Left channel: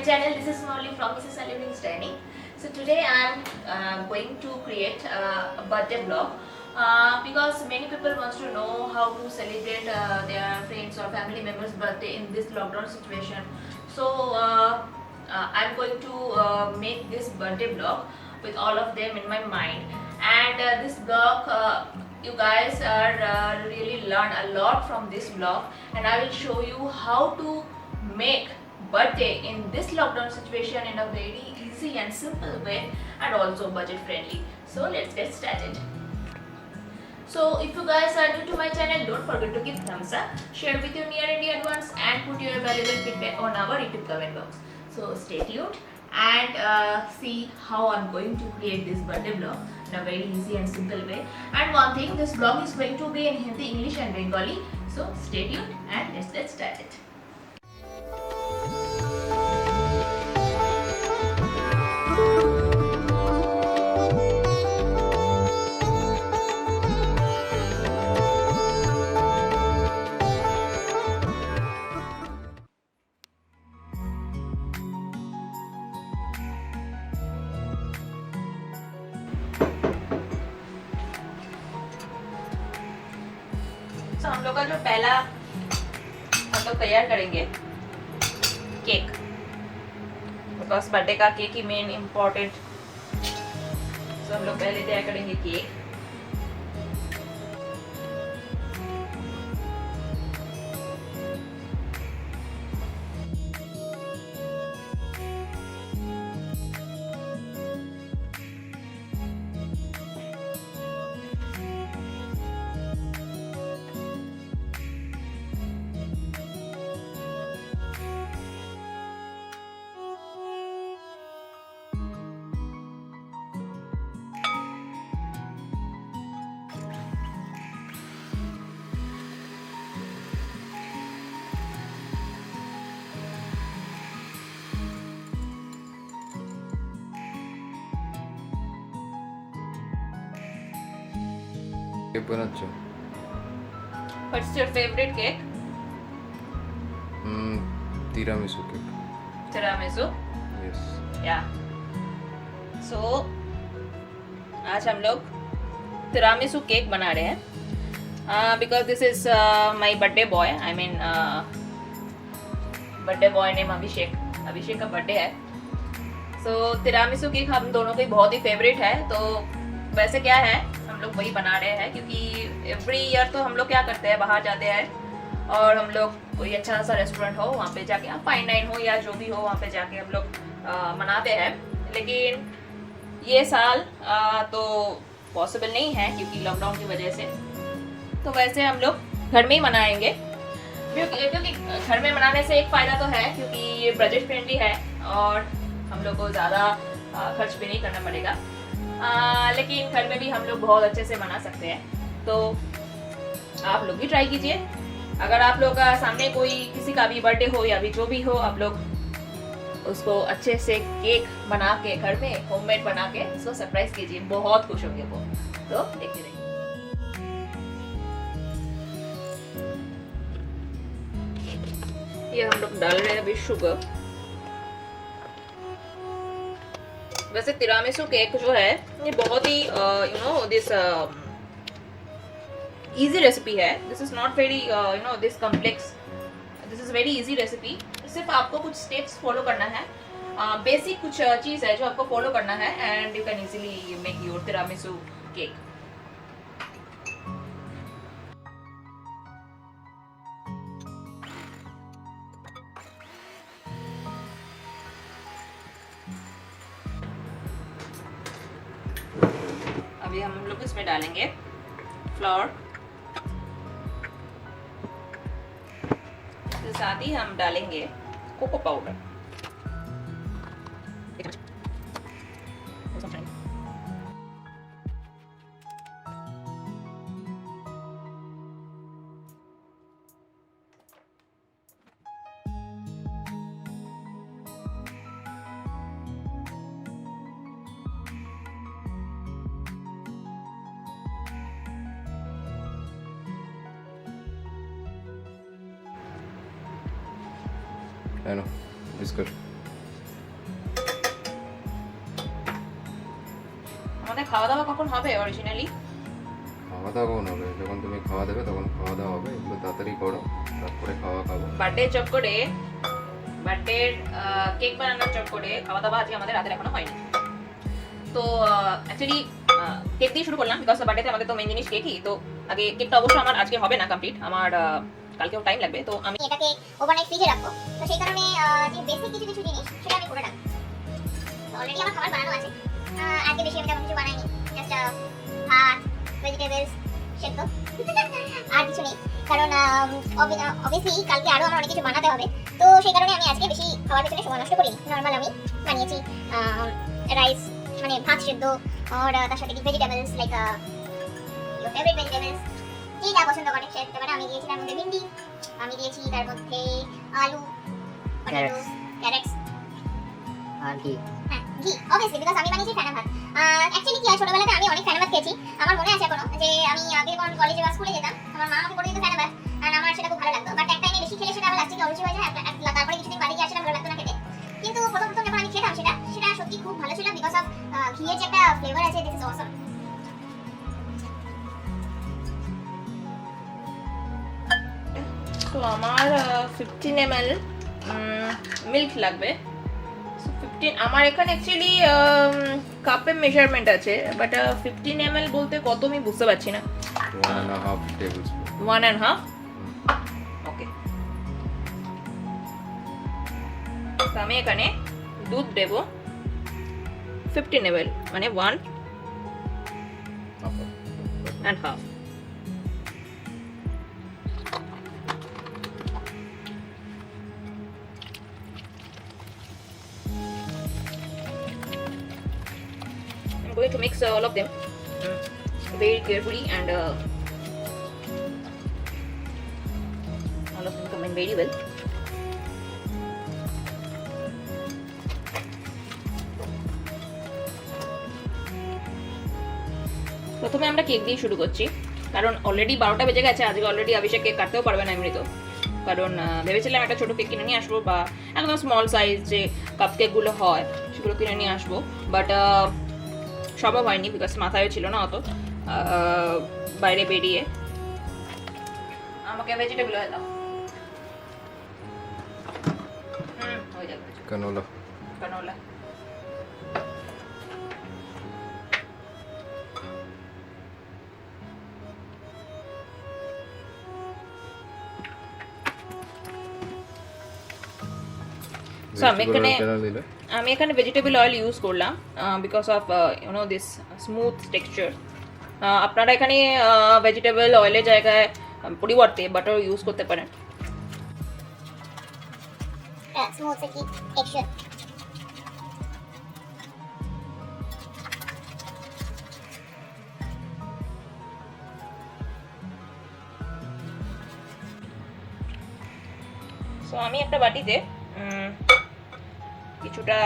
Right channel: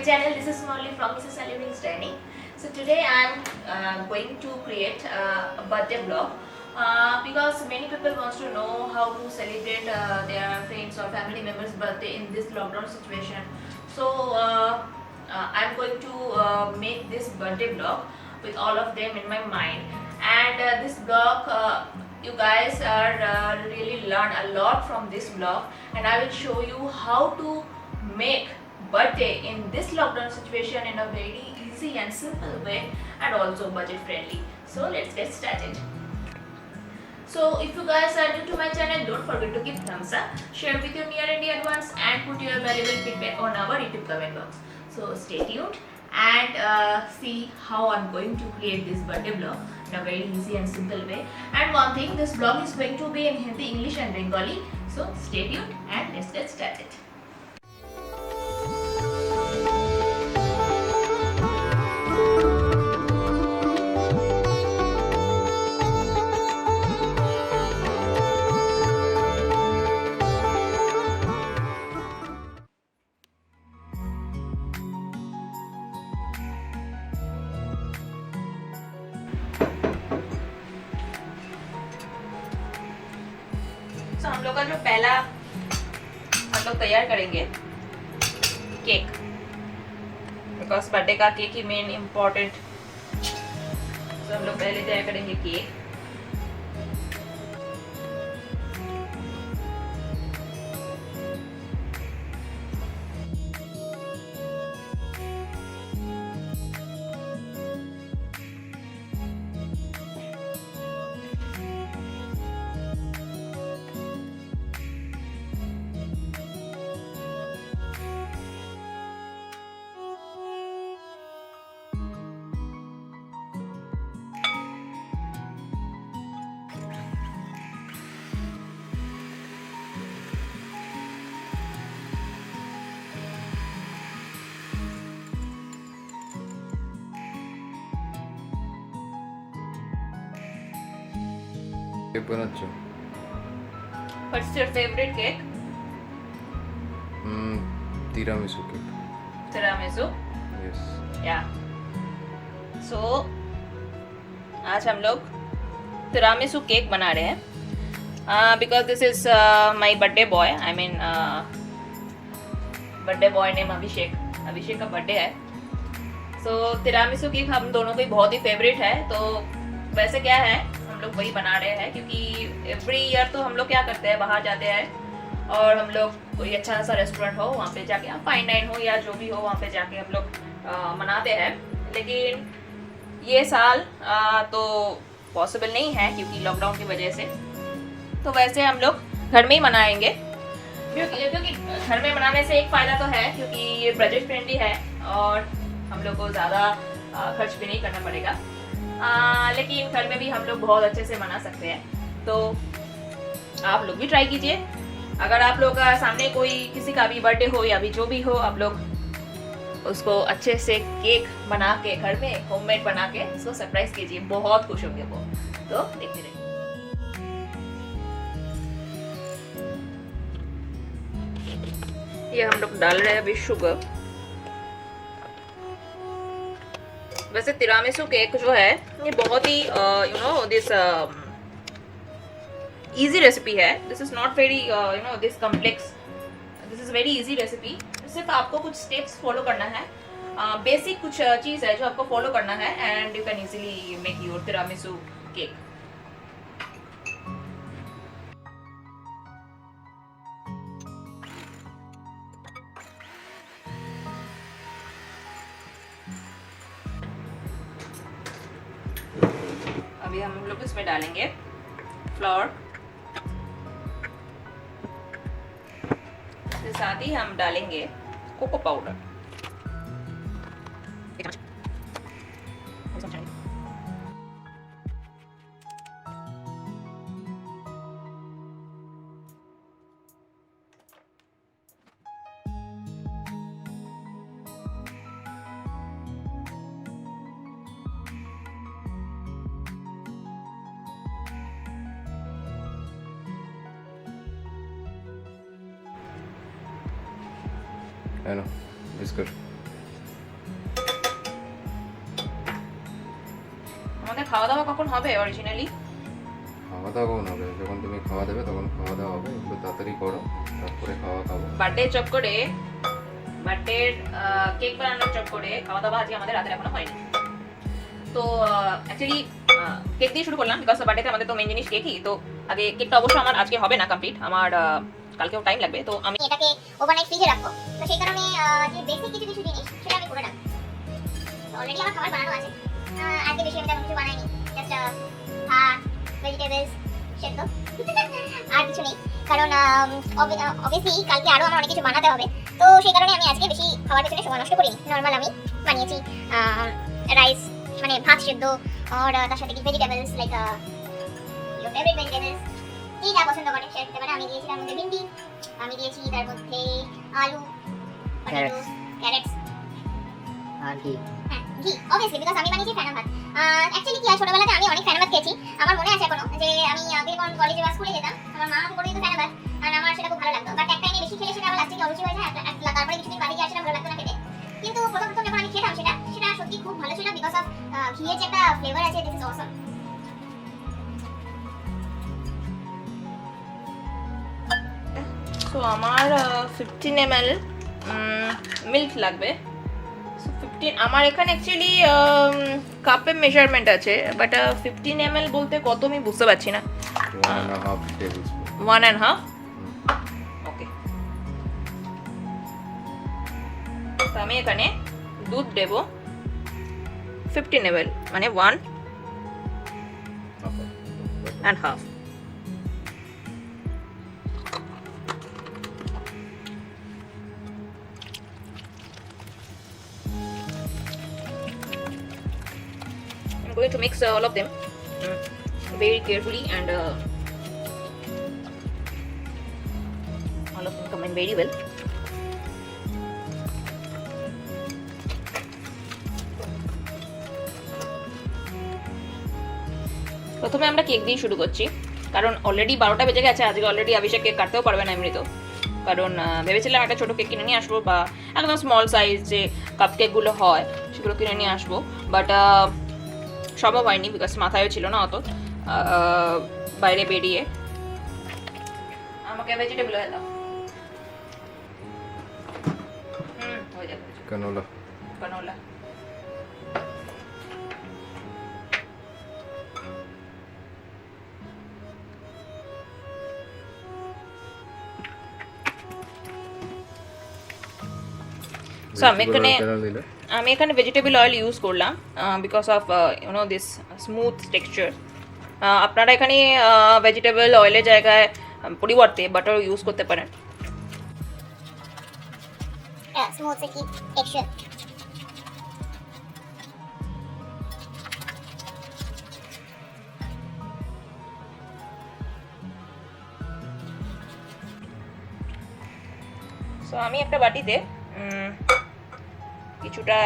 my channel. This is Molly from Mrs. Aluni's Dining. So today I am going to create a birthday vlog because many people wants to know how to celebrate their friends or family members' birthday in this lockdown situation. So I'm going to make this birthday vlog with all of them in my mind, and this vlog you guys are really learn a lot from this vlog, and I will show you how to make birthday in this lockdown situation in a very easy and simple way, and also budget friendly. So let's get started. So if you guys are new to my channel, don't forget to give thumbs up, share with your near and dear ones, and put your valuable feedback on our YouTube comment box. So stay tuned and see how I'm going to create this birthday vlog in a very easy and simple way. And one thing, this vlog is going to be in Hindi, English and Bengali. So stay tuned and let's get started. तो हम लोग का जो पहला हम लोग तैयार करेंगे केक, बिकॉज बर्थडे का केक ही मेन इम्पोर्टेंट। तो हम लोग पहले तैयार करेंगे केक। কেক বানাচ্ছো? What's your favorite cake? Tiramisu cake. Tiramisu. Yes. Yeah. So आज हम लोग तिरामिसू केक बना रहे हैं because this is my birthday boy. I mean birthday boy name Abhishek. Abhishek का बर्थडे है। सो तिरामिसू केक हम दोनों का बहुत ही फेवरेट है। तो वैसे क्या है, हम लोग वही बना रहे हैं क्योंकि एवरी ईयर तो हम लोग क्या करते हैं, बाहर जाते हैं और हम लोग कोई अच्छा सा रेस्टोरेंट हो वहाँ पे जाके, फाइन डाइन हो या जो भी हो, वहाँ पे जाके हम लोग मनाते हैं। लेकिन ये साल तो पॉसिबल नहीं है क्योंकि लॉकडाउन की वजह से। तो वैसे हम लोग घर में ही मनाएंगे क्योंकि घर में मनाने से एक फ़ायदा तो है क्योंकि ये बजट फ्रेंडली है और हम लोग को ज़्यादा खर्च भी नहीं करना पड़ेगा। लेकिन घर में भी हम लोग बहुत अच्छे से मना सकते हैं। तो आप लोग भी ट्राई कीजिए। अगर आप लोग का सामने कोई किसी का भी बर्थडे हो या भी जो भी हो, आप लोग उसको अच्छे से केक बना के घर में होममेड बना के उसको सरप्राइज कीजिए, बहुत खुश होगी वो। तो देखते रहिए। ये हम लोग डाल रहे हैं अभी शुगर। वैसे तिरामिसू केक जो है ये बहुत ही you know this easy recipe है। This is not very you know this complex. This is very easy recipe. सिर्फ आपको कुछ स्टेप्स फॉलो करना है, बेसिक कुछ चीज़ है जो आपको फॉलो करना है, and you can easily make your tiramisu cake. अभी हम लोग इसमें डालेंगे फ्लोर, इसके साथ ही हम डालेंगे cocoa powder. I know. It's good. খাওয়া দাওয়া কখন হবে অরিজিনালি? খাওয়া দাওয়া কোনো হবে যখন তুমি খাওয়া দেবে তখন খাওয়া দাওয়া হবে, একটু তাড়াতাড়ি করো তারপরে খাওয়া দাওয়া। বার্থডে চক করে, বার্থডে কেক বানানোর চক করে খাওয়া দাওয়া আজকে আমাদের রাতের এখনো হয়নি। তো অ্যাকচুয়ালি কেক দিয়ে শুরু করলাম বিকজ বার্থডেতে আমাদের তো মেন জিনিস কেকই। তো আগে কেকটা অবশ্য আমার আজকে হবে না কমপ্লিট, আমার কালকেও টাইম লাগবে। তো আমি এটাকে ওভারনাইট ফ্রিজে রাখবো, তো সেই কারণে যে বেসিক কিছু কিছু জিনিস সেটা আমি করে রাখবো। অলরেডি আমার খাবার বানানো আছে, আজকে বেশি আমি তেমন কিছু বানাইনি, জাস্ট ভাত, ভেজিটেবলস সেদ্ধ আর কিছু নেই, কারণ অবভিয়াসলি কালকে আরো আমার অনেক কিছু বানাতে হবে। তো সেই কারণে আমি আজকে বেশি খাবার পেছনে সময় নষ্ট করিনি। নর্মাল আমি বানিয়েছি রাইস, মানে ভাত সেদ্ধ, আর তার সাথে কি vegetables like your favourite vegetables, কি যা পছন্দ করে সে ব্যাপারে আমি দিয়েছিলাম। মধ্যে ভিন্ডি আমি দিয়েছি, তার মধ্যে আলু, ক্যারেটস আর কি ঘি, অবভিয়াসলি বিকজ আমি বানিয়েছি ফ্যানা ভাত। অ্যাকচুয়ালি কি হয়, ছোটবেলাতে আমি অনেক ফ্যানা ভাত খেয়েছি। আমার মনে আছে এখনো যে আমি আগে যখন কলেজে বা স্কুলে যেতাম আমার মা আমাকে করে দিত ফ্যানা ভাত, আর আমার সেটা খুব ভালো লাগতো। বাট এক টাইমে বেশি খেলে সেটা আমার লাস্টে অরুচি হয়ে যায়, তারপরে কিছুদিন বাদে গিয়ে সেটা ভালো লাগতো না খেতে। কিন্তু প্রথম যখন আমি খেতাম সেটা সেটা সত্যি খুব ভালো ছিল বিকজ অফ ঘিয়ের যে একটা ফ্লেভার আছে, দিস ইজ অসম। তো আমার 15 ml মিল্ক লাগবে। সো 15 আমার এখানে অ্যাকচুয়ালি কাপে মেজারমেন্ট আছে, বাট 15 ml বলতে কত আমি বুঝতে পারছি না। 1.5 টেবিল স্পুন। 1.5, ওকে। তো আমি এখানে দুধ দেব 15 ml, মানে 1.5। I'm going to mix all of them very carefully, and all of them combine very well. প্রথমে আমরা কেক দিয়ে শুরু করছি, কারণ অলরেডি 12টা বেজে গেছে। আজকে অলরেডি অভিষেক কেক কাটতেও পারবে না এমনি তো, কারণ ভেবেছিলাম একটা ছোটো কেক কিনে নিয়ে আসবো, বা একদম স্মল সাইজ যে কাপ কেকগুলো হয় সেগুলো কিনে নিয়ে আসবো, বাট সম্ভব হয়নি বিকজ মাথায়ও ছিল না অত বাইরে বেরিয়ে। আমাকে ভেজিটেবল হয়ে দাও। ক্যানোলা। ক্যানোলা। So আমি এখানে ভেজিটেবল অয়েল ইউজ করলাম because of this smooth texture. আপনারা এখানে ভেজিটেবল অয়েলের জায়গায় পরিবর্তে বাটার ইউজ করতে পারেন। Smooth texture. সো আমি একটা বাটিতে কিছুটা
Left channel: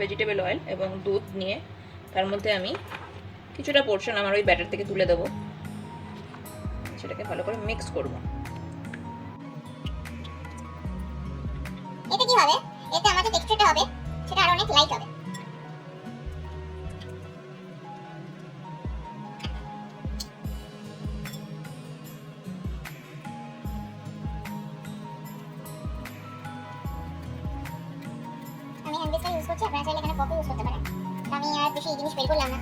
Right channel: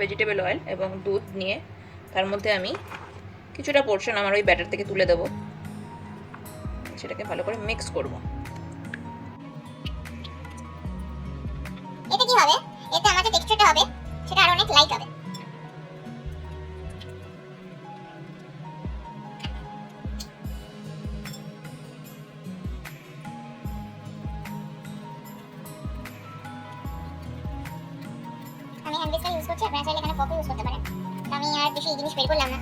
ভেজিটেবল অয়েল এবং দুধ নিয়ে তার মধ্যে আমি কিছুটা পোর্শন আমার ওই ব্যাটার থেকে তুলে দেবো, সেটাকে ভালো করে মিক্স করব। এতে কি হবে, এতে আমাদের টেক্সচারটা হবে সেটা আরো অনেক লাইট হবে। আমি হ্যান্ড মিক্সার ইউজ করছি, আপনারা চাইলে এখানে ফর্ক ইউজ করতে পারেন। আমি আর বেশি এই জিনিস বের করলাম না।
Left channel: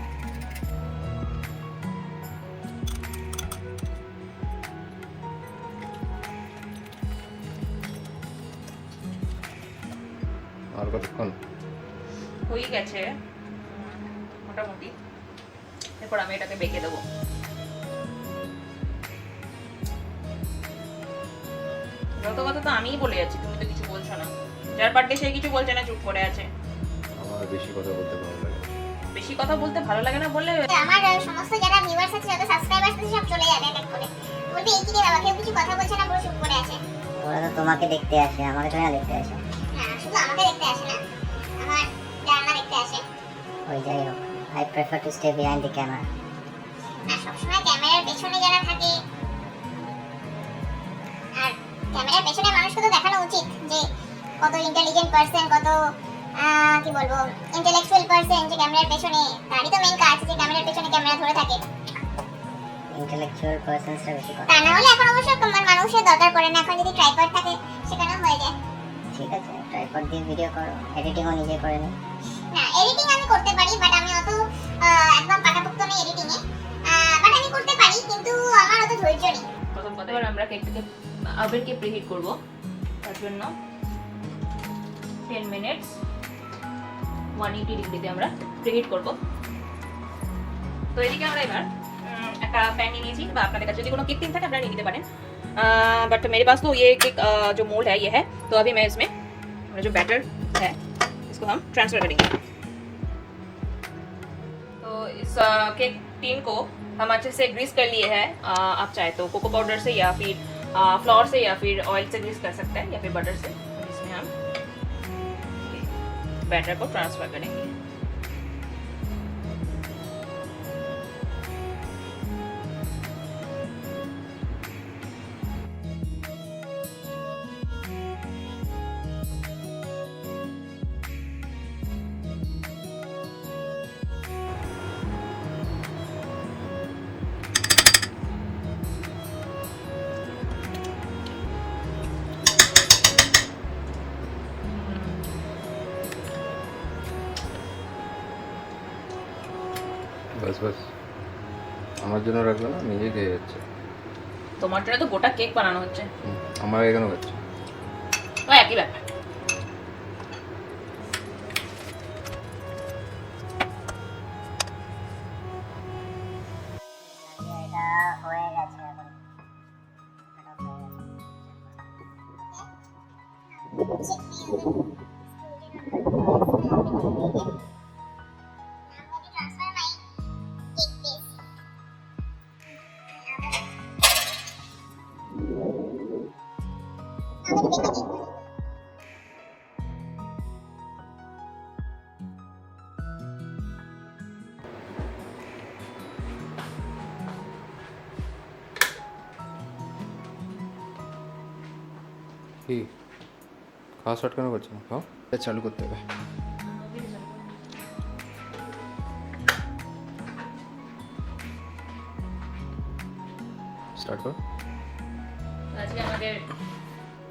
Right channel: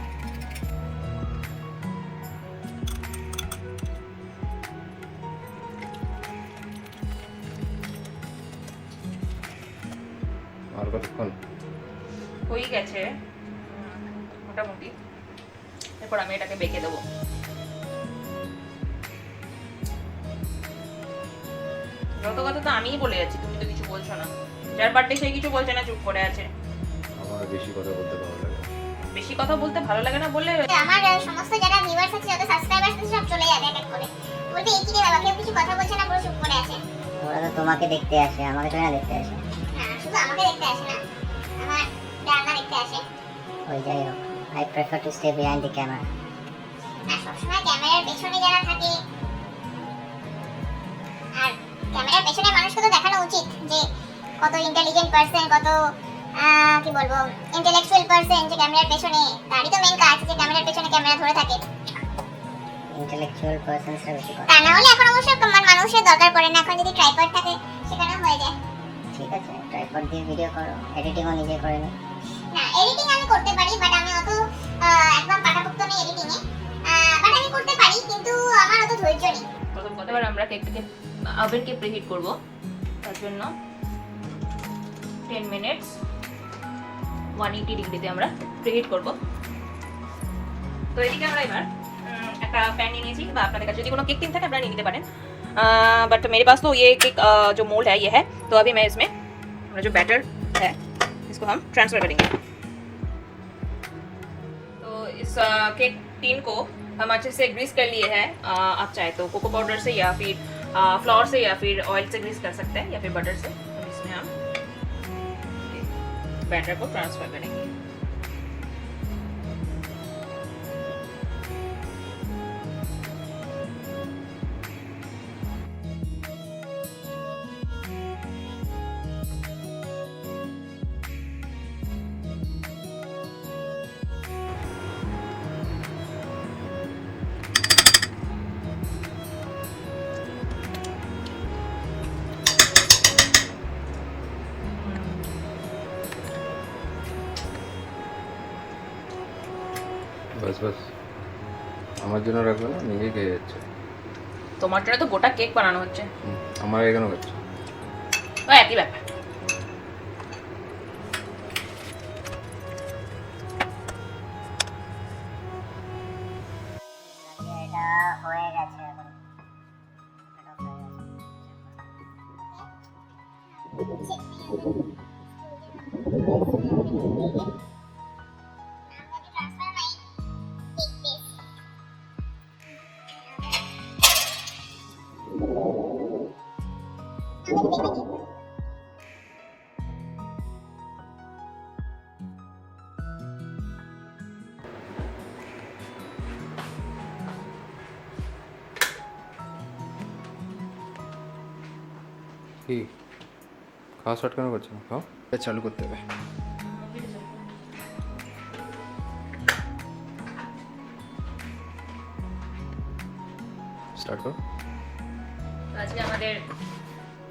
হয়ে গেছে মোটামুটি, এরপর আমি এটাকে বেঁকে দেবো। যত কথা তো আমিই বলে যাচ্ছি, তুমি তো কিছু বলছো না। যার বার্থডে সেই কিছু বলছে না, চুপ করে আছে। আমার বেশি কথা বলতে ভালো লাগে না। বেশি কথা বলতে ভালো লাগে না বললে আমার সমস্ত যারা ভিউয়ার্স আছে, যত সাবস্ক্রাইবার্স আছে সব চলে যাবে এক এক করে। বলতে এই কি আমাকে কিছু কথা বলছে না, পুরো চুপ করে আছে। ওরা তো তোমাকে দেখতে আসে, আমাকে তো এরা দেখতে আসে। না, শুধু আমাকে দেখতে আসে না, আমার জানা দেখতে আসে। ওই যাই হোক, I prefer to stay behind the camera. না, সবসময় ক্যামেরার পেছনে যারা থাকে, আর ক্যামেরার পেছনে মানুষকে তো দেখানো উচিত যে কত ইন্টেলিজেন্ট পার্সন, কত কি বলবো, ইন্টেলেকচুয়াল পারসন যে ক্যামেরার পেছনে, তারই তো মেইন কাজ যে ক্যামেরার পেছনে ক্যামেরা ধরে থাকে। Intellectual persons টা বেশি কথা। তা না হলে এখন অবশ্য মানুষের দরকার পড়ে না, এখন যদি ট্রাইপড থাকে সেখানেও হয়ে যায়। ঠিক আছে, ট্রাইপড দিয়ে ভিডিও করো, এডিটিংও নিজে করে নাও। না, এডিটিং আমি করতে পারি, বাট আমি অত একদম পাকাপোক্ত নেই এডিটিং এ। বাট আমি করতে পারি, কিন্তু আমার অত ধৈর্য নেই। প্রথম কথা, এবার আমরা কেকটাকে ওভেনকে প্রিহিট করব। তার জন্য 10 মিনিটস 180 ডিগ্রিতে আমরা প্রিহিট করব। তো এদিকে আমরা এবার একটা প্যান নিয়ে निয়েছি, বা আপনাদের কাছে যদি কোনো কেক থাকে আপনারা নিয়ে নিতে পারেন, बट मेरे पास तो ये केक जो मोल्ड है ये है। तो अभी मैं इसमें जो बैटर है इसको हम ट्रांसफर करेंगे। तो इस केक टीन को हम अच्छे से ग्रीस कर लिए हैं। आप चाहे तो कोको पाउडर से या फिर फ्लोर से या फिर ऑयल से ग्रीस कर सकते हैं, या फिर बटर से। इसमें हम बैटर को ट्रांसफर करेंगे। বাস বাস, আমার জন্য রাখা নিজে খেয়ে যাচ্ছে। তোমার জন্য তো গোটা কেক বানানো হচ্ছে, আমার এখানে হচ্ছে। তো একই ব্যাপার। এটা হয়ে গেছে এখন। কি খাওয়া স্টার্ট কেন করছো না? খাও, এটা চালু করতে হবে। স্টার্ট করো। আজকে আমাদের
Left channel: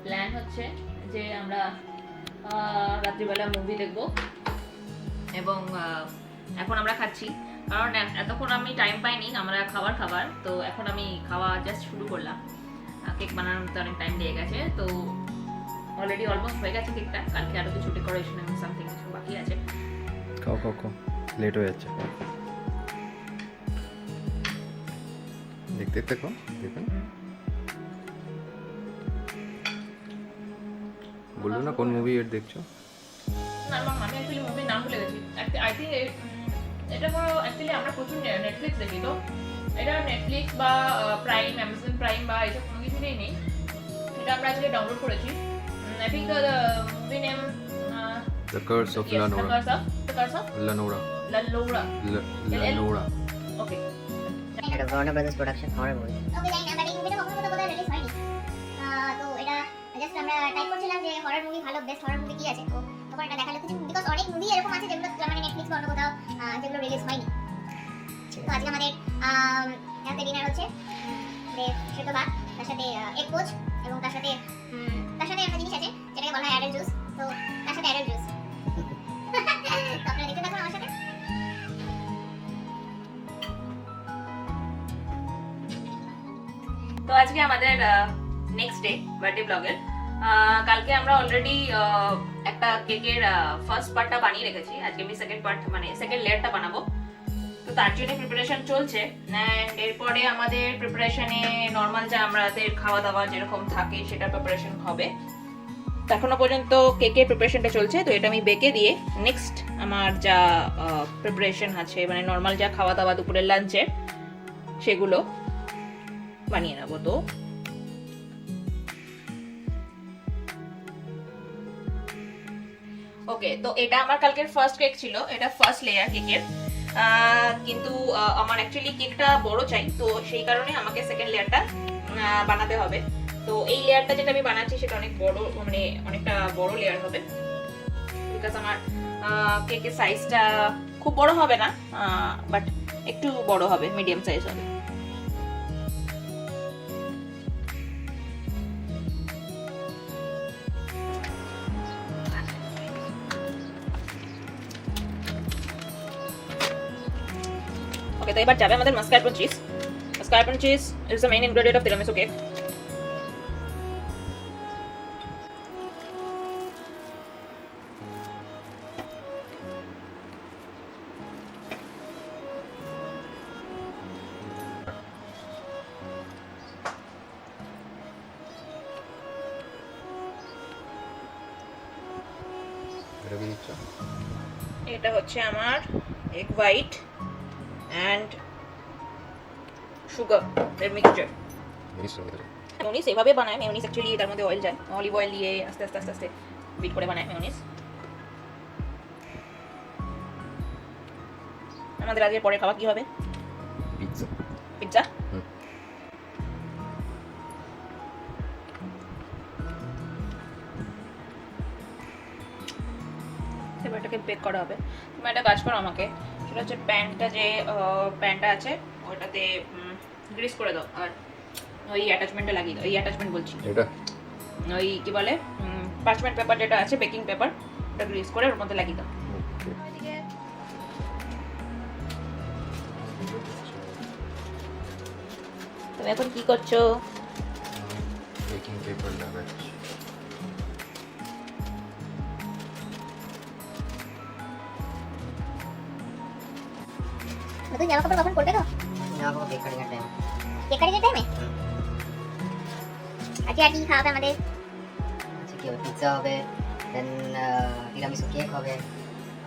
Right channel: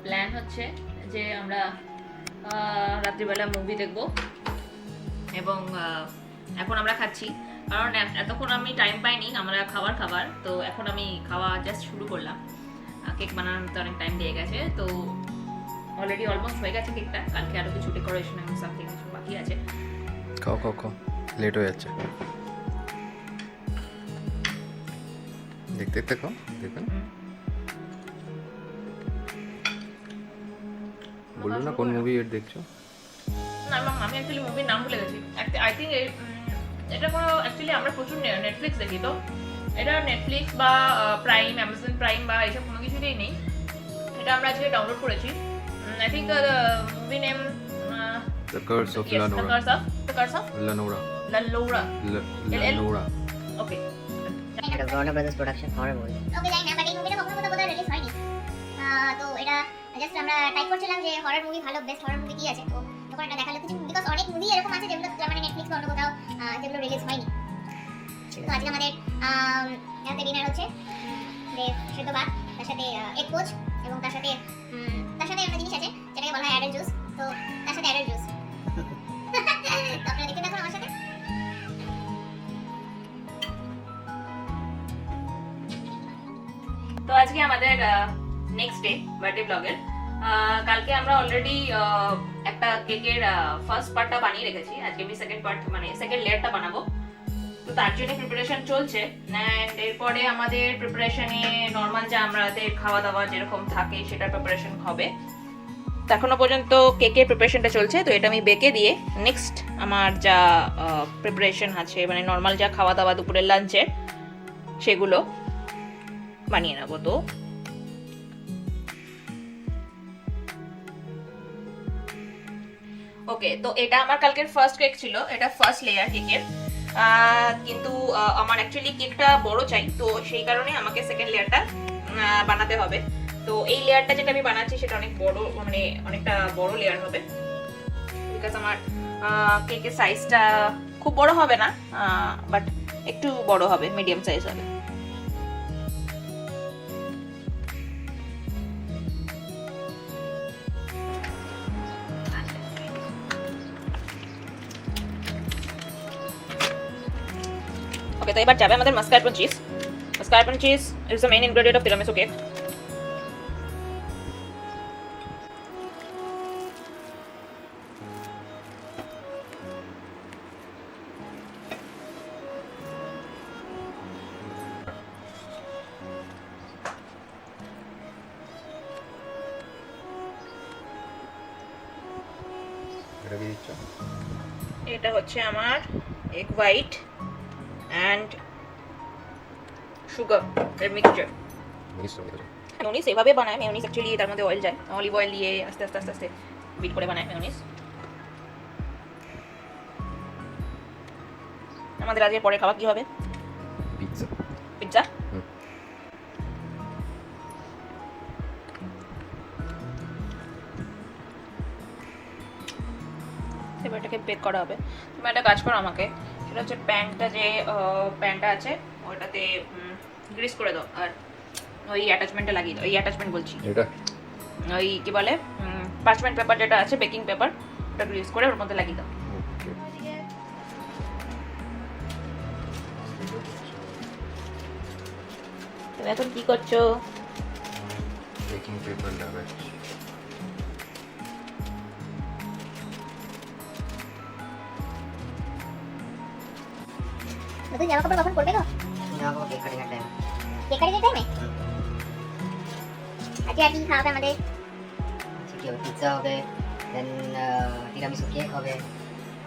প্ল্যান হচ্ছে যে আমরা রাত্রিবেলা মুভি দেখব, এবং এখন আমরা খাচ্ছি, কারণ এতক্ষণ আমি টাইম পাইনি আমরা খাবার, তো এখন আমি খাওয়া জাস্ট শুরু করলাম। কেক বানাতে অনেক টাইম লেগে গেছে, তো অলরেডি অলমোস্ট হয়ে গেছে কেকটা। কালকে আরো কিছু ডেকোরেশন এবং সামথিং বাকি আছে। খাও খাও খাও, লেট হয়ে যাচ্ছে। দেখতে দেখতে খাও, দেখুন। বললো না কোন মুভি এর দেখছো? না, আমি অ্যাকচুয়ালি মুভির নাম ভুলে গেছি। আই থিঙ্ক এটা কোনো অ্যাকচুয়ালি আমরা প্রচুর নেটফ্লিক্স দেখি, তো এটা নেটফ্লিক্স বা প্রাইম, অ্যামাজন প্রাইম বা এইসব কোনো কিছুতেই নেই। এটা আমরা আজকে ডাউনলোড করেছি। I think movie name The Curse of yes, Lanora. The Curse of Lanora. Lanora. Lanora. Okay. এটা Warner Brothers production horror movie। ওকে, জানি না, বাট এই মুভিটা কখনো তো বোধহয় রিলিজ হয়নি। তো এটা জাস্ট আমরা টাইপ করছিলাম যে হরর মুভি ভালো, বেস্ট হরর মুভি কি আছে, তো তখন এটা দেখালো কিছু, বিকজ অনেক মুভি এরকম আছে যেগুলো জার্মানি নেটফ্লিক্স বা অন্য কোথাও যেগুলো রিলিজ হয়নি। তো আজকে আমাদের এখানে ডিনার হচ্ছে সিদ্ধ ভাত, তার সাথে এগ পোচ, এবং তার সাথে একটা জিনিস আছে যেটাকে বলা হয় অ্যাডেল জুস। তো তার সাথে অ্যাডেল জুস। তো আপনারা দেখতে থাকুন আমার সাথে। তো আজকে আমাদের নেক্সট ডে বার্থডে ব্লগের। কালকে আমরা অলরেডি একটা কেকের ফার্স্ট পার্টটা বানিয়ে রেখেছি। আজকে আমি সেকেন্ড পার্ট, মানে সেকেন্ড লেয়ারটা বানাবো। তার জন্য প্রিপারেশন চলছে, এন্ড এরপরে আমাদের প্রিপারেশনে নর্মাল যা আমাদের খাওয়া দাওয়া যেরকম থাকে সেটার প্রিপারেশন হবে। এখনো পর্যন্ত কেকের প্রিপারেশনটা চলছে, তো এটা আমি বেকে দিয়ে নেক্সট আমার যা প্রিপারেশন আছে, মানে নর্মাল যা খাওয়া দাওয়া দুপুরের লাঞ্চে, সেগুলো বানিয়ে নেবো। তো ওকে, তো এটা আমার কালকের ফার্স্ট কেক ছিল, এটা ফার্স্ট লেয়ার কেকের। কিন্তু আমার অ্যাকচুয়ালি কেকটা বড় চাই, তো সেই কারণে আমাকে সেকেন্ড লেয়ারটা বানাতে হবে। তো এই লেয়ারটা যেটা আমি বানাচ্ছি সেটা অনেক বড়, মানে অনেকটা বড় লেয়ার হবে, বিকজ আমার কেকের সাইজটা খুব বড় হবে না, বাট একটু বড় হবে, মিডিয়াম সাইজ হবে। ওকে, তো এবার যাবে আমাদের mascarpone cheese. Mascarpone cheese is the main ingredient of tiramisu cake. এটা কি দিচ্ছ? এটা হচ্ছে আমার এগ হোয়াইট অ্যান্ড সুগার এর মিক্সচার। মিনিস তো দিচ্ছ। মেয়োনিজ এভাবে বানায়, মেয়োনিজ অ্যাকচুয়ালি তার মধ্যে অয়েল যায়, অলিভ অয়েল দিয়ে আস্তে আস্তে আস্তে আস্তে বিট করে বানায় মেয়োনিজ। আমাদের আজকে পরে খাওয়া কি হবে? পিৎজা। পিৎজা। হুম। এবার এটাকে বেক করা হবে। তুমি একটা কাজ করো আমাকে, সেটা হচ্ছে প্যানটা আছে ওইটাতে গ্রিস করে দাও, আর ওই অ্যাটাচমেন্টে লাগিয়ে দাও। এই অ্যাটাচমেন্ট বলছি, এটা ওই কি বলে পার্চমেন্ট পেপার যেটা আছে, বেকিং পেপার, ওটা গ্রিস করে ওর মধ্যে লাগিয়ে দাও। তুমি এখন কি করছো? বেকিং পেপার লাগাচ্ছি। নতুন জামা কাপড় কখন পরবে তো? যাবো বেকারি কাটবে। বেকারি যেতে নেই আজকে আর কি খাওয়াবে আমাদের? আচ্ছা কি হবে, পিৎজা হবে, তিরামিসু কেক হবে,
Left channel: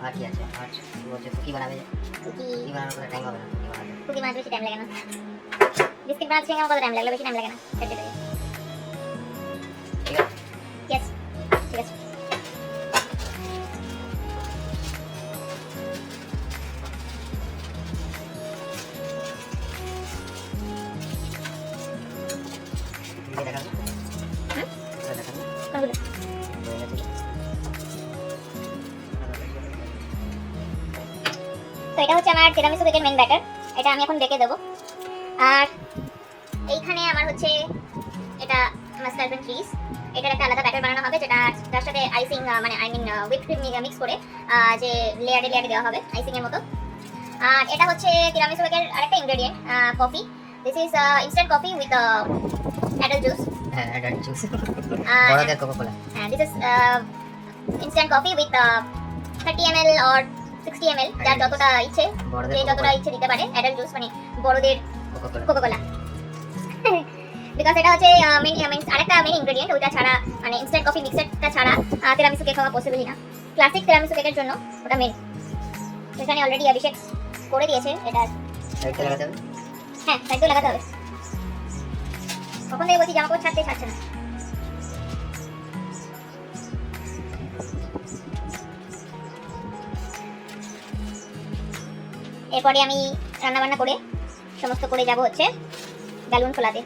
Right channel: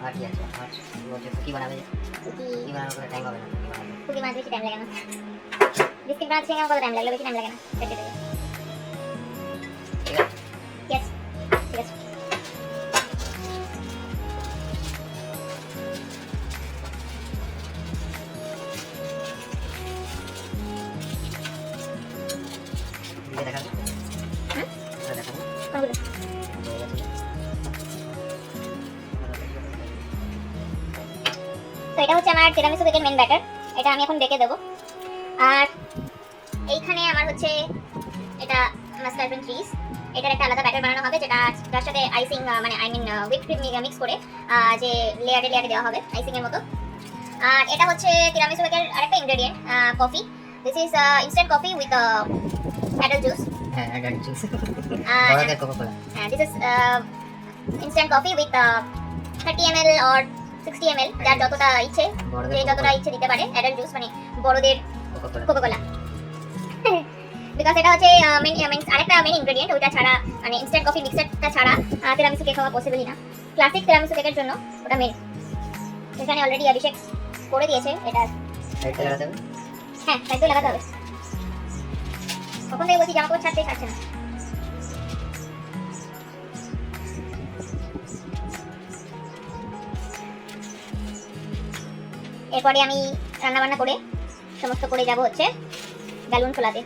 আর কি আছে, আর রোজে কুকি বানাবে, কুকি বানানোর টাইম হবে না, কুকি বানাবে। কুকি বানাতে বেশি টাইম লাগে না, বিস্কিট বানাতে কত টাইম লাগলো? বেশি টাইম লাগে না, সেটাই। ঠিক আছে? ইয়েস, ঠিক আছে। এটা দেখাবি? হ্যাঁ? এটা দেখাবি? কোনগুলো? তো এটা হচ্ছে আমার তিরামিসু কেকের মেন ব্যাটার, এটা আমি এখন ডেকে দেবো। আর এইখানে আমার হচ্ছে এটা মাস্কারপোনে চিজ, এটার একটা আলাদা ব্যাটার বানানো হবে, যেটা তার সাথে আইসিং মানে I mean whip cream mix করে যে লেয়ারে লেয়ারে দেওয়া হবে আইসিং এর মতো। আর এটা হচ্ছে তিরামিসু কেকের আরেকটা ingredient, coffee. This is instant coffee with adult juice. হ্যাঁ, এটা জুস। বড়দের Coca-Cola. This is instant coffee with 30 ml or 60 ml, যার যতটা ইচ্ছে, বড়দের যে যতটা কোকা-কোলা। ইচ্ছে দিতে পারে। অ্যাডাল্ট জুস মানে বড়দের কোকা-কোলা। কোকা-কোলা। বিকজ এটা হচ্ছে আরেকটা মেইন ইনগ্রেডিয়েন্ট, ওইটা ছাড়া মানে ইনস্ট্যান্ট কফি মিক্সারটা ছাড়া তিরামিসু কেক হওয়া পসিবলই না। ক্লাসিক তিরামিসু কেকের জন্য ওটা মেইন। এখানে অলরেডি অভিষেক করে দিয়েছে এটা। সাইডে লাগাতে হবে? হ্যাঁ, একদম লাগাতে হবে। কখন থেকে বলছি জামা কাপড় ছাড়তে ছাড়ছে না। এরপরে আমি রান্না বান্না করে সমস্ত করে যাব হচ্ছে বেলুন খোলাতে।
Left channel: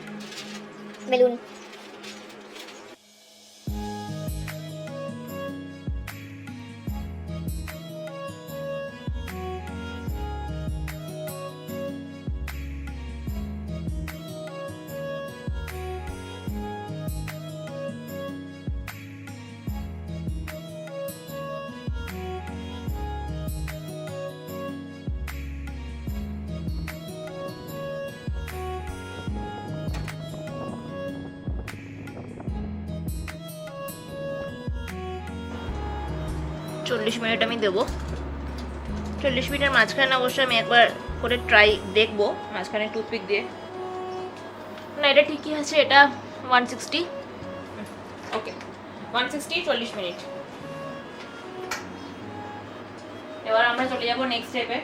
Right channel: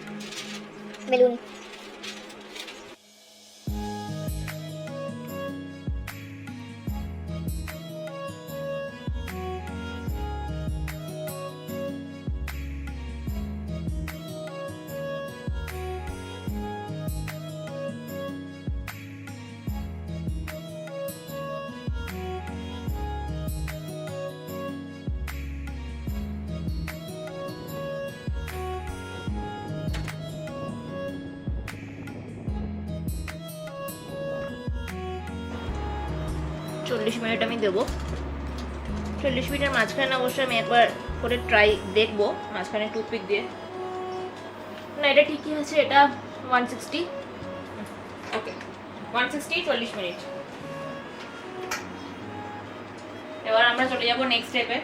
বেলুন চল্লিশ মিনিট আমি দেবো। 40 মিনিটের মাঝখানে অবশ্যই আমি একবার করে ট্রাই দেখবো মাঝখানে টুথপিক দিয়ে। না, এটা ঠিকই আছে, এটা 160। ওকে, 160 40 মিনিট। এবার আমরা চলে যাবো নেক্সট স্টেপে,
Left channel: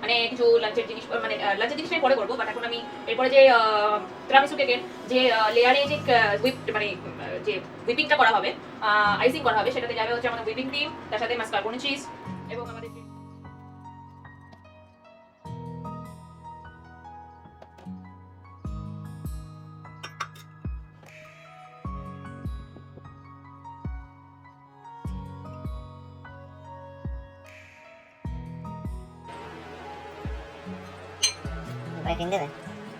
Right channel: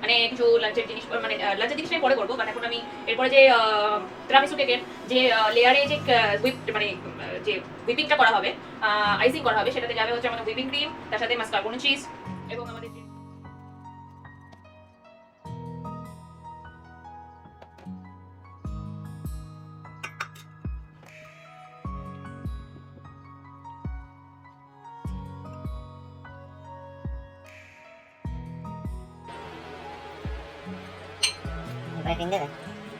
মানে কিছু লাঞ্চের জিনিস, মানে লাঞ্চের জিনিস আমি পরে করবো, বাট এখন আমি এরপরে যে তিরামিসু কেকের যে লেয়ারে যে মানে যে হুইপিংটা করা হবে, আইসিং করা হবে, সেটাতে যাবে হচ্ছে আমাদের হুইপিং ক্রিম, তার সাথে মাস্কারপোনে চিজ এবং আমাদের এরপরে ক্রিম দেবে?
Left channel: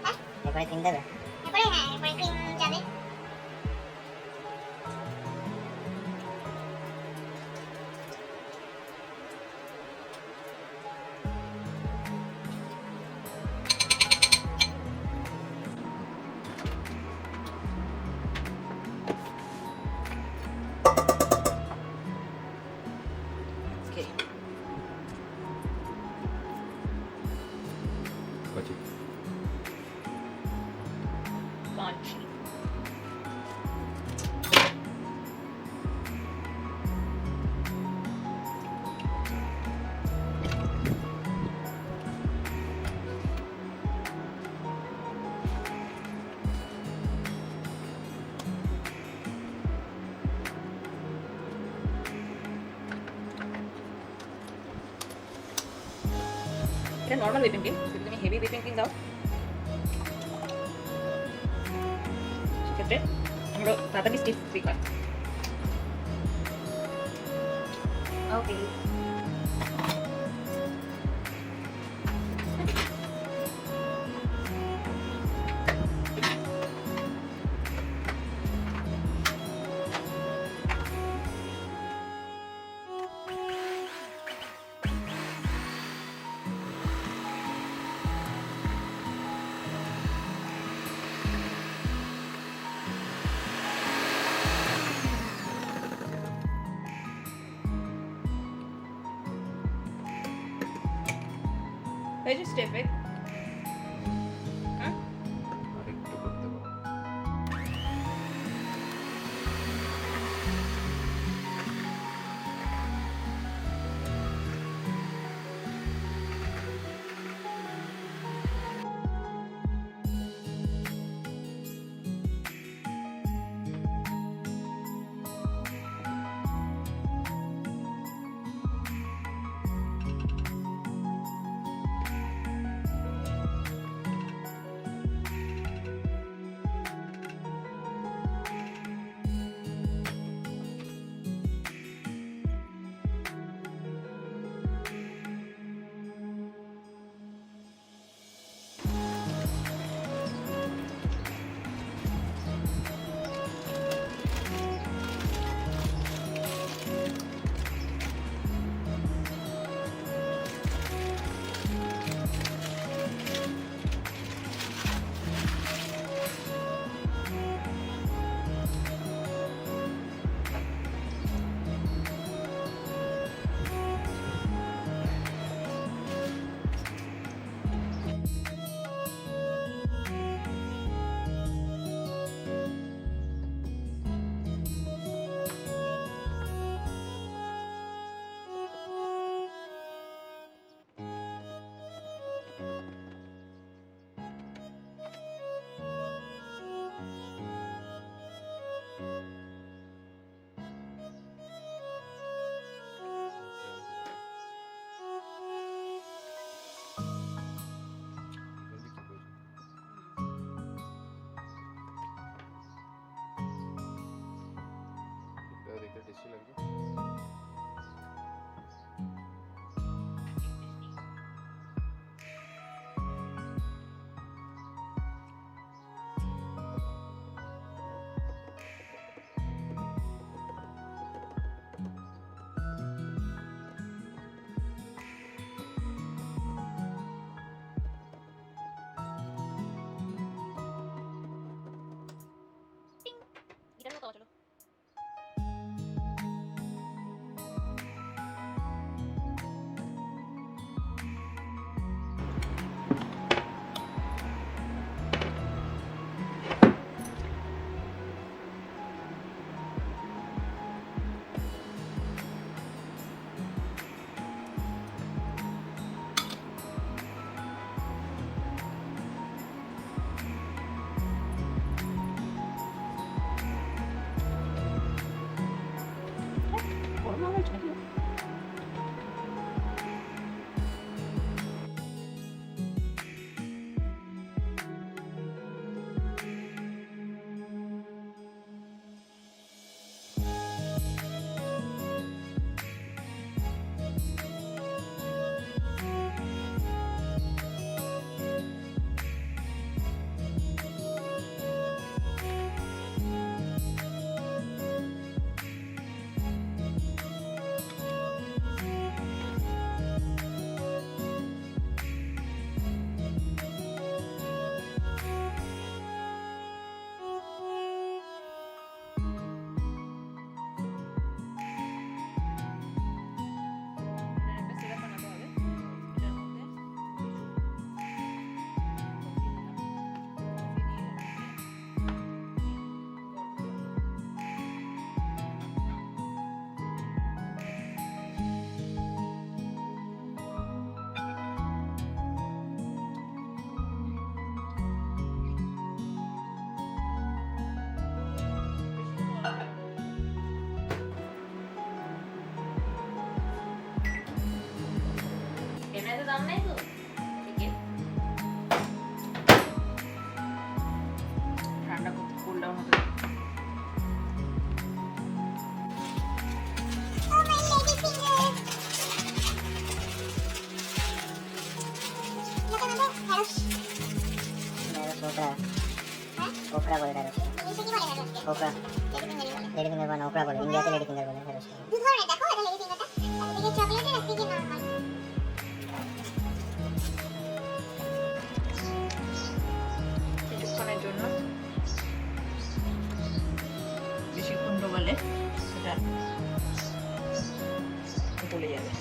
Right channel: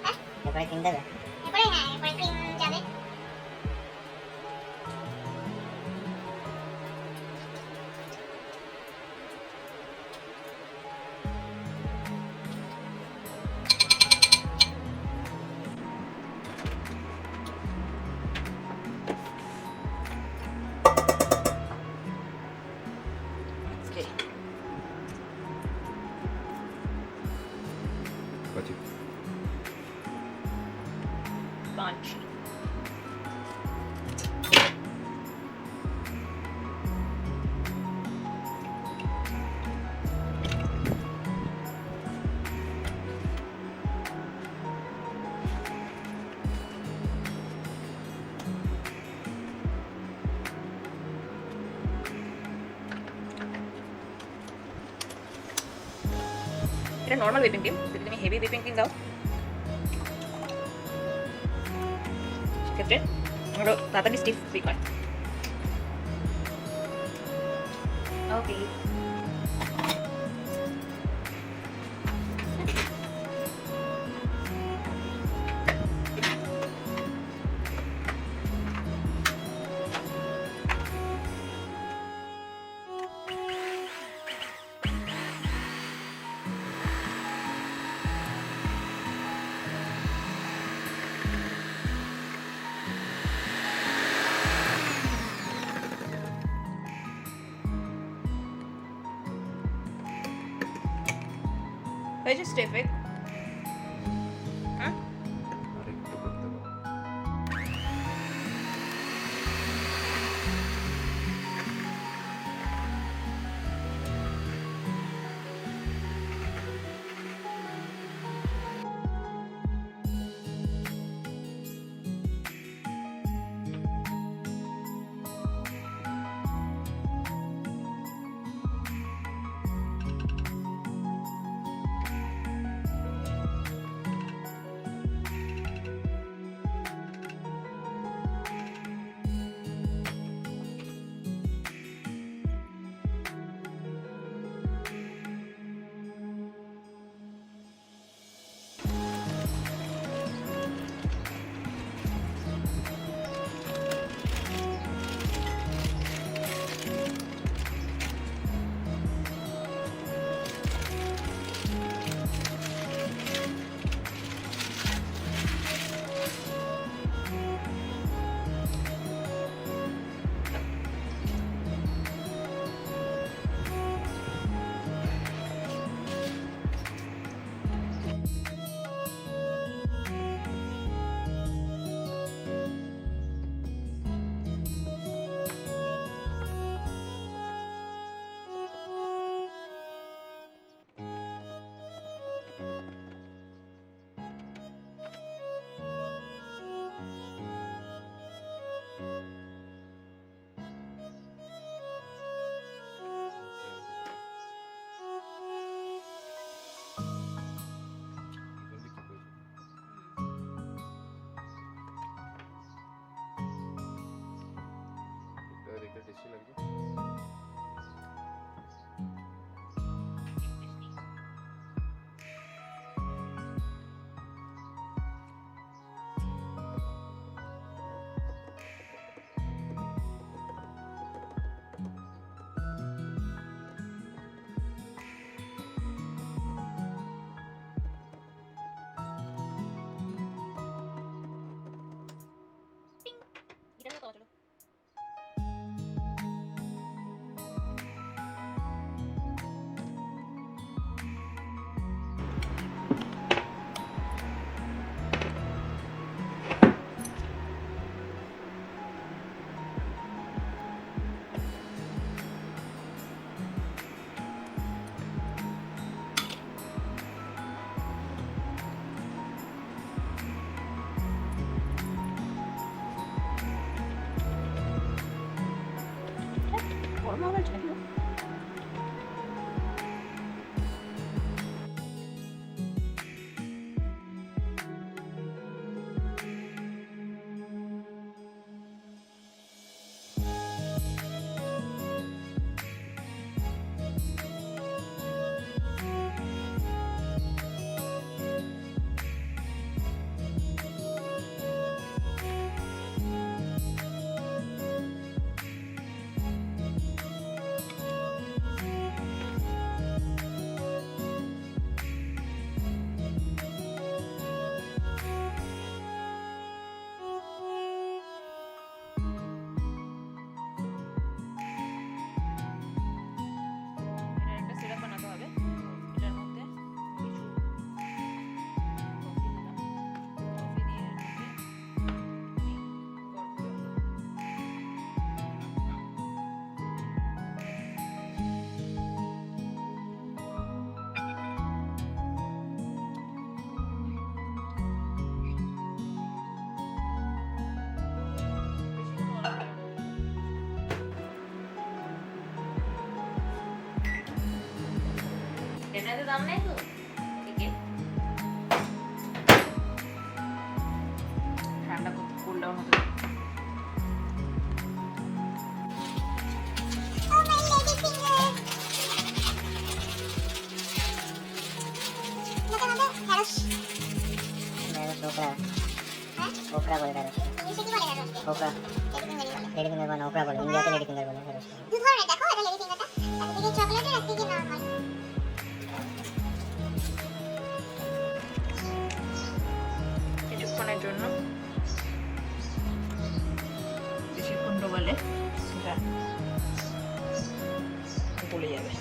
হ্যাঁ? এরপরে ক্রিম দেবে? পরে হ্যাঁ, পরে ক্রিম যাবে। Okay. પછી Laundry. এটা নর্মাল whipping cream, যদি তুমি হেভি whipping cream দাও সেক্ষেত্রে আরো তাড়াতাড়ি স্টিফ কুইক হয়। ওকে, হয়েছে স্টেপে। হ্যাঁ, আরেকটু করতে পারো। দাম নেই তো ঠিক আছে ঠান্ডা করতে কুল ডাউন হতে ওকরা বলে না ওকরা লেডি ফিঙ্গার বলে ওকরা বলে ইন্ডিয়াতে লেডি ফিঙ্গার বলে দু ধরনের দেখো এটা লেডি ফিঙ্গারটা চকলেটের আর থেকে নাম হয় কিছুক্ষণের জন্য বেশিক্ষণ ডোবালে গলে যাবে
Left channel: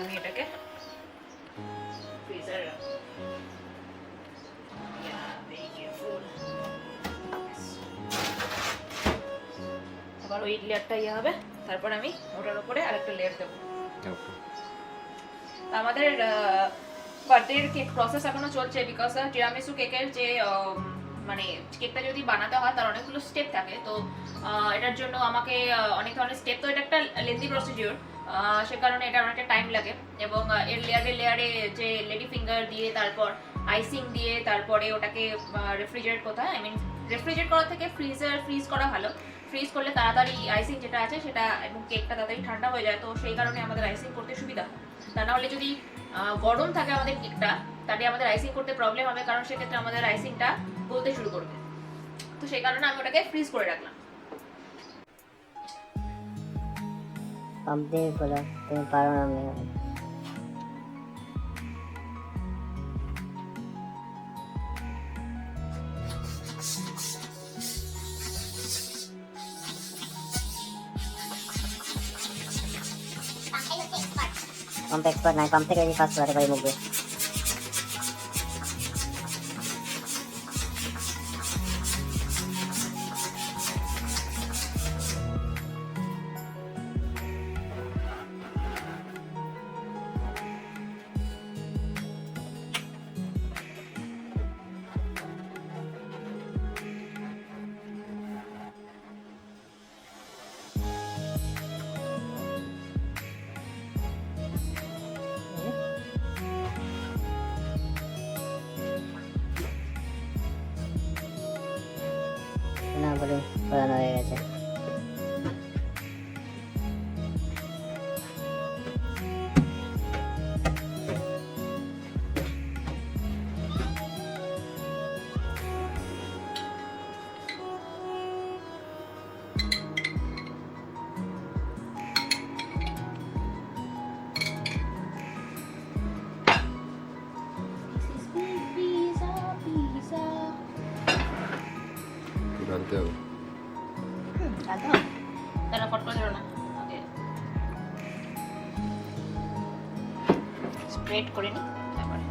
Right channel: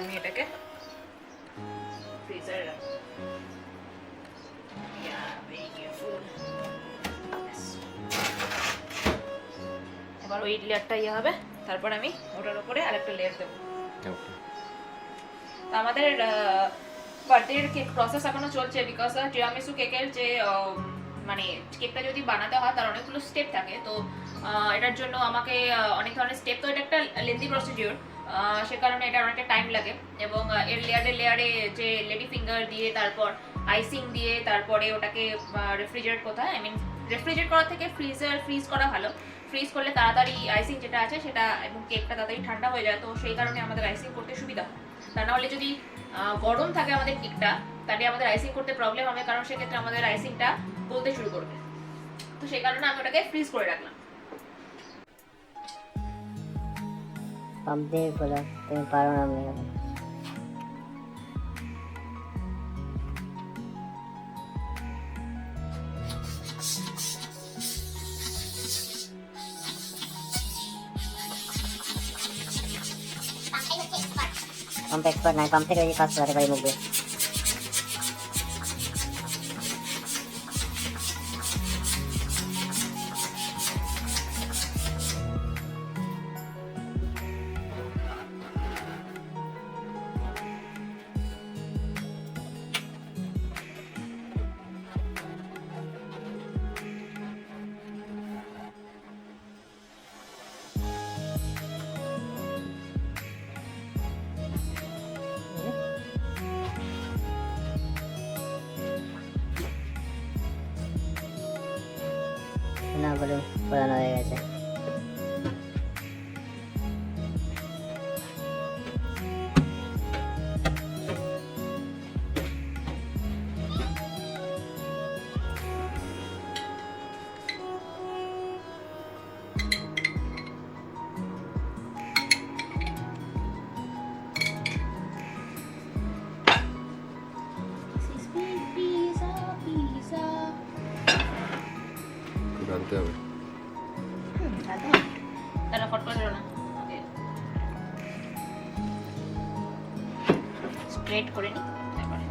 আমি এটাকে ফ্রিজারে রাখবো এবার ওই লেয়ারটা ইয়ে হবে তারপর আমি ওটার উপরে আরেকটা লেয়ার দেবো আমাদের বার্থডের কেক প্রসেস এখনো চলছে বিকজ টিরামিসু কেকের যে মানে কেকটা যদি বানাতে হয় তার অনেকগুলো স্টেপ থাকে তো এটার জন্য আমাকে অনেক ধরনের স্টেপ তো এটা একটা লেন্দি প্রসিডিওর সে কারণে এটা অনেকটা টাইম লাগে এবং এর লেয়ারে যে লেডি ফিঙ্গার দিয়ে তারপর আইসিং দিয়ে তারপরে ওটাকে রেফ্রিজারেট করতে হয় আই মিন রেফ্রিজারেট করা থেকে ফ্রিজ করা ভালো ফ্রিজ করলে তাড়াতাড়ি আইসিং যেটা আছে সেটা এবং কেকটা তাড়াতাড়ি ঠান্ডা হয়ে যায় তো সেই কারণে আমাদের আইসিং করতে সুবিধা হয় তা নাহলে যদি গরম থাকে আমাদের কেকটা তাহলে আমাদের আইসিং করতে প্রবলেম হবে কারণ সেক্ষেত্রে আমাদের আইসিংটা গলতে শুরু করবে তো সেই কারণে আমি ওটাকে ফ্রিজ করে রাখলাম Ampe pula parang pump expert na pump থেকে কাজ করে গাই বলবে না বলে বানানো হয়ে গেছে ডালতে তারা ফট করে না স্প্রেড করে তারপরে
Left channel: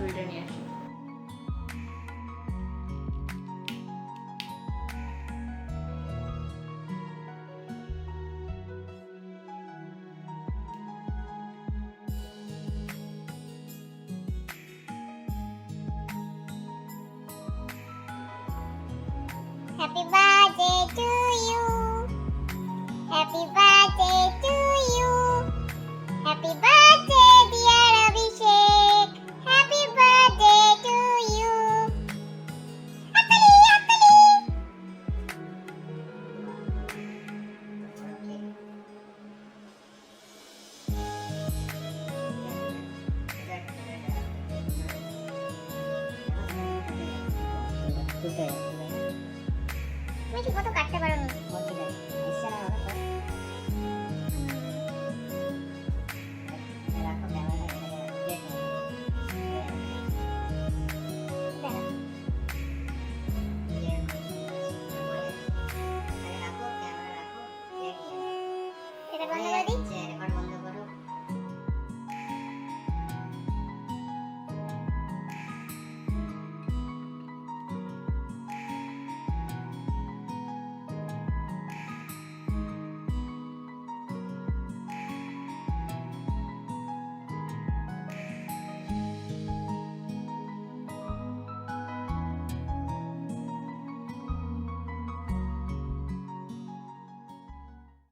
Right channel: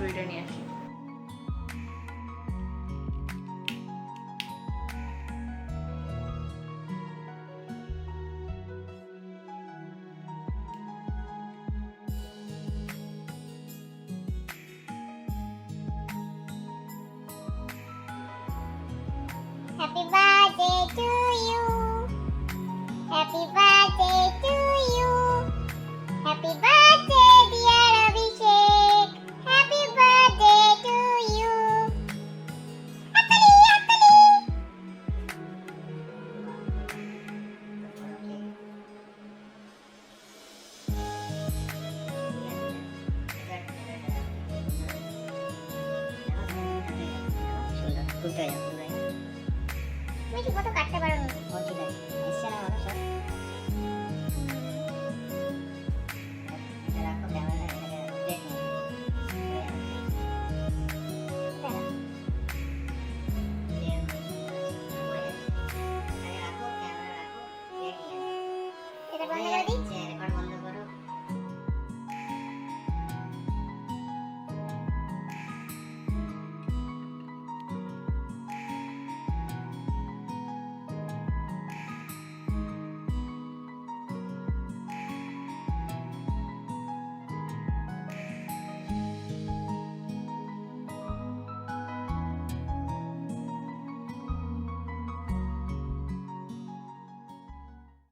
ছুরিটা নিয়ে আসি